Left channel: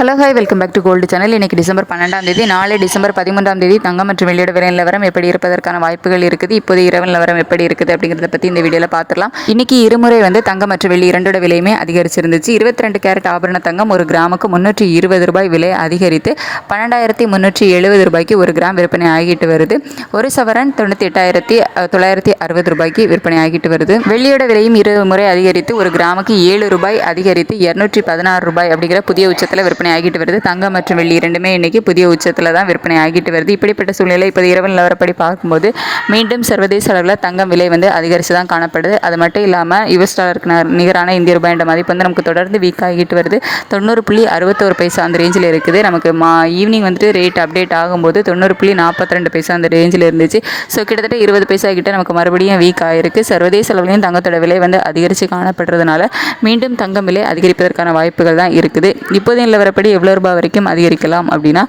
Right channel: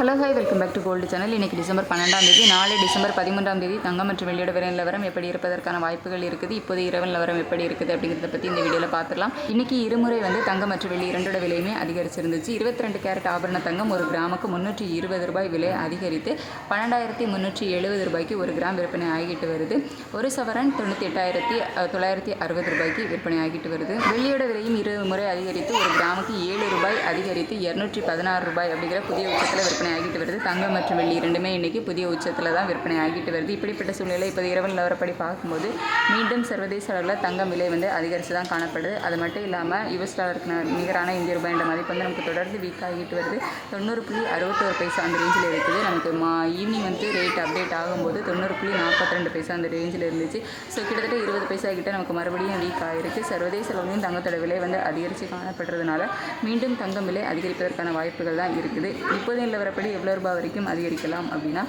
Hello hi welcome back to gold channel. இன்னைக்கு December பன்னெண்டாம் தேதி நாளை டிசம்பர் பதிமூன்றாம் தேதி தங்கம் மற்றும் வெளியிட விலை நிலவரம் எப்படி இருப்பதற்கான வாய்ப்புகள் இருக்குது இப்போது இரவு நிலவரம் எப்படி இருக்குது அப்படிங்கிறத பற்றி இந்த வீடியோவில் பார்த்துடலாம் இன்றைக்கி இருமுறை வந்து தங்கம் மற்றும் வெள்ளி இரண்டோட விலையுமே அதிகரிச்சிருந்துச்சு. இருபத்தி ரெண்டு கேரட் ஆபரண தங்கம் ஒரு கிராமுக்கு முந்நூற்றி இருபது ரூபாய் விலை அதிகரித்து பன்னெண்டாயிரத்தி முந்நூற்றி எழுபது ரூபாய்க்கு ஒரு கிராம் விற்பனை ஆகிட்டு வருது. ஒரு சவரன் தொண்ணூற்றி எட்டாயிரத்தி தொள்ளாயிரத்தி அறுபது ரூபாய்க்கு விற்பனை ஆகிட்டு வருது. வெள்ளியோட விலையும் இரு முறை அதிகரித்து ஒரு கிராமுக்கு ஏழு ரூபாய் அதிகரித்து இரநூற்றி பதினாறு ரூபாய் அப்படிங்கிற புதிய உச்சத்தில் விற்பனை ஆகிட்டு வருது. தங்கம் மற்றும் வெள்ளி இரண்டுமே இன்னைக்கு புதிய உச்சத்தில் தான் விற்பனை ஆகிட்டு வருது. இப்படிப்பட்ட சூழ்நிலை இப்போ இரவு நிலவரப்படி பார்க்கும்போது மீண்டும் சர்வதேச அளவில் தங்கம் விலை வந்து அதிகரித்து தான் காணப்படுது. அது மட்டும் இல்லாமல் யுஎஸ் டாலருக்கு நிகரான இந்திய ரூபாய் என்ற மதிப்பு வந்து நமக்கு தொடர்ந்து வீக் ஆகிட்டு வருது. தொண்ணூறு புள்ளி அறுபத்தோரு பைசா அந்த ரேஞ்சில் இருக்குது. நமக்கு மா ஈவினிங் வந்துட்டு ரேட் அப்டேட் ஆகும்போது தொண்ணூறு புள்ளி நாற்பத்தி ரெண்டு பைசா அந்த ரேஞ்சில் இருந்துச்சு. ஸோ கிட்டத்தட்ட இருபது பைசா கிட்ட நமக்கு மறுபடியும் வீக் ஆகிருக்கு சர்வதேச அளவுலையும் தங்கத்தோட விலை வந்து அதிகரித்து காணப்படுறதுனால மீண்டும் தங்கம் விலை அதிகரிப்பதற்கான வாய்ப்புகள் தான் இருக்குது. இப்போதைய நிலவரப்படி எவ்வளோ ரூபாய் வரைக்கும் அதிகரிக்கலாம் அப்படின்னா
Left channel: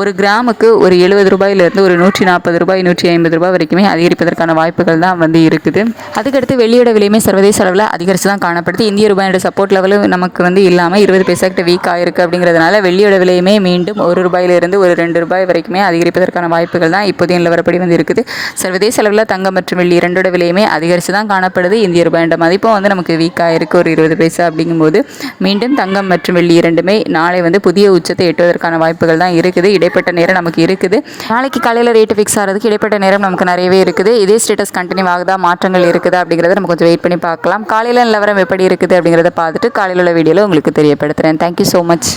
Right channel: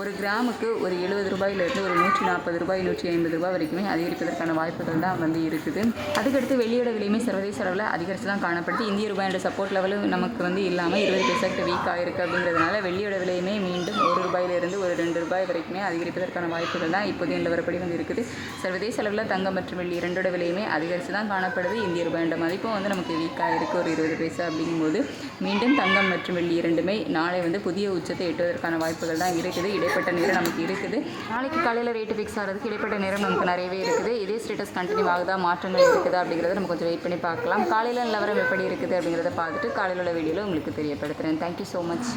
ஒரு கிராமுக்கு ஒரு எழுபது ரூபாயிலிருந்து ஒரு நூற்றி நாற்பது ரூபாய் நூற்றி ஐம்பது ரூபாய் வரைக்குமே அதிகரிப்பதற்கான வாய்ப்புகள் தான் வந்து இருக்குது. அதுக்கடுத்து வெளியோட விலையுமே சர்வதேச அளவில் அதிகரித்து தான் காணப்படுது. இந்திய ரூபாயோட சப்போர்ட் லெவலும் நமக்கு வந்து இல்லாமல் இருபது பைசா கிட்ட வீக் ஆகிருக்கு அப்படிங்கிறதுனால வெள்ளியோட விலையுமே மீண்டும் ஒரு ரூபாயிலிருந்து ஒரு ரெண்டு ரூபாய் வரைக்குமே அதிகரிப்பதற்கான வாய்ப்புகள் தான் இப்போதைய நிலவரப்படி வந்து இருக்குது. சர்வதேச அளவில் தங்கம் மற்றும் வெள்ளி இரண்டோட விலையுமே அதிகரித்து தான் காணப்படுது. இந்திய ரூபாயோட மதிப்பும் வந்து நமக்கு வீக் இருக்குது ஒரு இருபது பைசா அப்படிங்கும்போது மீண்டும் தங்கம் மற்றும் வெள்ளி இரண்டுமே நாளை வந்து புதிய உச்சத்தை எட்டுவதற்கான வாய்ப்புகள் தான் இருக்குது. இடைப்பட்ட நேரம் நமக்கு இருக்குது. நாளைக்கு காலையில் ரேட்டு ஃபிக்ஸ் ஆகிறதுக்கு இடைப்பட்ட நேரம் நமக்கு நிறையவே இருக்குது. இதே ஸ்டேட்டஸ் கண்டினியூ ஆகுதா? மாற்றங்கள் இருக்குதா? அப்படிங்கிறத நம்ம கொஞ்சம் வெயிட் பண்ணி பார்க்கலாம். காலையில் நிலவரம் எப்படி இருக்குது அப்படிங்கிறத பார்த்துட்டு காலையில் உள்ள வீடியோவில் உங்களுக்கு தெரியப்படுத்துகிறேன் தேங்க்யூ ஸோ மச்